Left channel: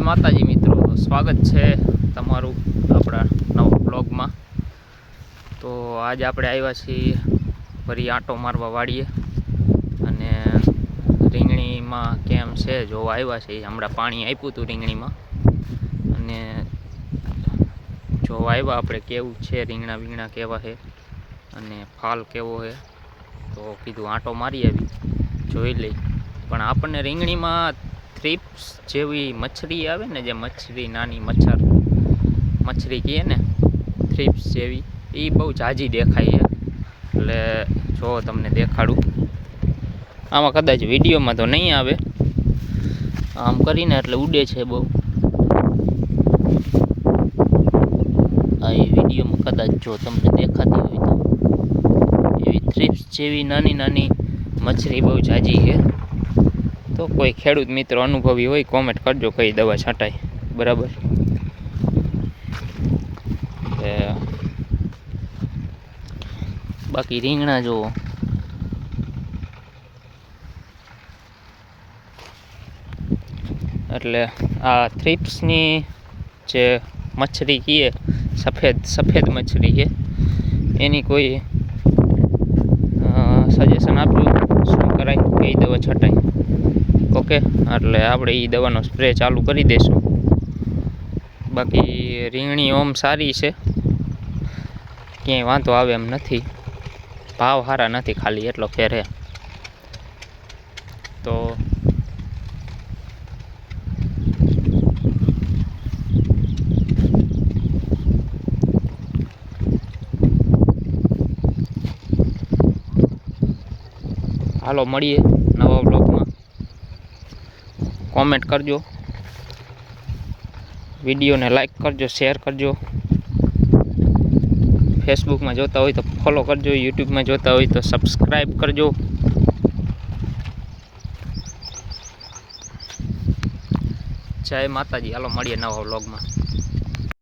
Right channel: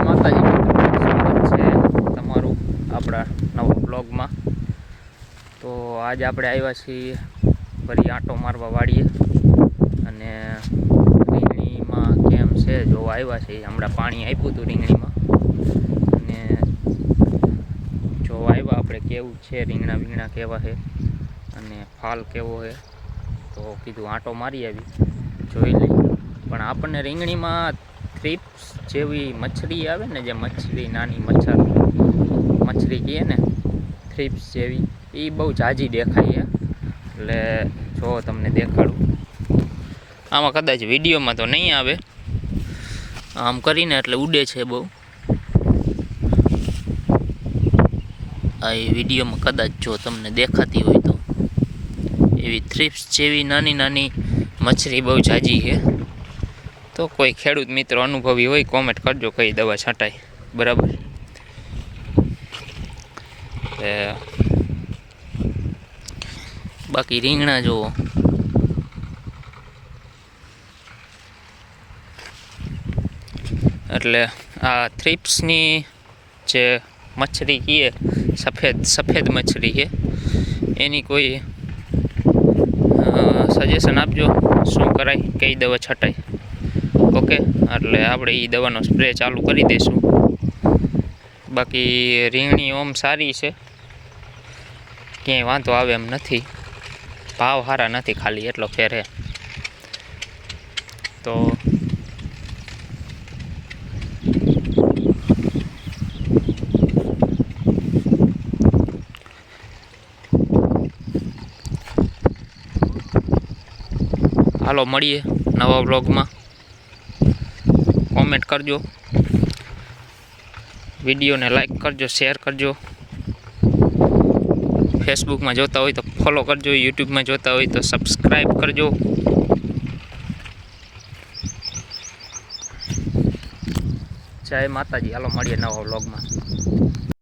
જય માતાજી મિત્રો, સ્વાગત છે તમારું આપણા નવા બ્લોગમાં। તો આજે આપણે આવ્યા છીએ ફરી આંટો મારવા વાળીએ અને રીંગણીમાં કેમ છે જોવા આવ્યા છીએ। હમણાં પાણી આપ્યું હતું રીંગણીમાં અને જોવા આવ્યા આપણે કેવું છે, રીંગણા કેવા છે અને ફાલ કેવો છે। તો કીધું આંટો મારી આવી જોઈ લઈ। પણ આપણને રીંગણીમાં થ્રીપ્સ જેવી મચ્છરી આવે ને, જે મચ્છરી નાની મચ્છરી કહીએ ને, થ્રીપ્સ જેવી, એ બહુ ઝાઝી દેખાય છે। એટલે જો તમને દેખાડું, આમાં કદાચ વિડીયોમાં તો નહીં આવે, આમ કરીને એટલે ઉડે છે બહુ। આ એ વિડીયોમાં કદાચ જો તમને દેખાતી હોય તો એવી થ્રીપ્સ જેવી નાની મચ્છરી બહુ ઝાઝી છે। તો કોઈ ખેડૂત મિત્રો અનુભવી હોય કોમેન્ટ કરજો કઈ દવા છાંટાય, બરાબર। બાકી રીંગણા જુઓ, એટલે આ થ્રીપ્સની જે મચ્છરી કહીએ, સફેદ મચ્છરી છે, એની કોઈ સજેશન આપજો શું કરાય, કઈ દવા છટાય। ઓકે, એટલે આપણે એ દવાનો સ્પ્રે ચાલુ કરી દઈશું। બાકી રીંગણી ઓમ સારી છે, ક્યાંય વાંધો આવે એમ નથી, ભાવ સારા નથી, ખાલી એટલો ફેર છે। તો હાલો મળીએ નવા બ્લોગમાં। કોમેન્ટ કરજો, વિડીયોને લાઈક કરજો, શેર કરજો, ફેસબુકમાં જોતા હોય તો ફોલો કરજો, યુટ્યુબમાં જોતા હોય તો સબસ્ક્રાઈબ કરજો। જય માતાજી, હાલો મળીએ નવા બ્લોગમાં।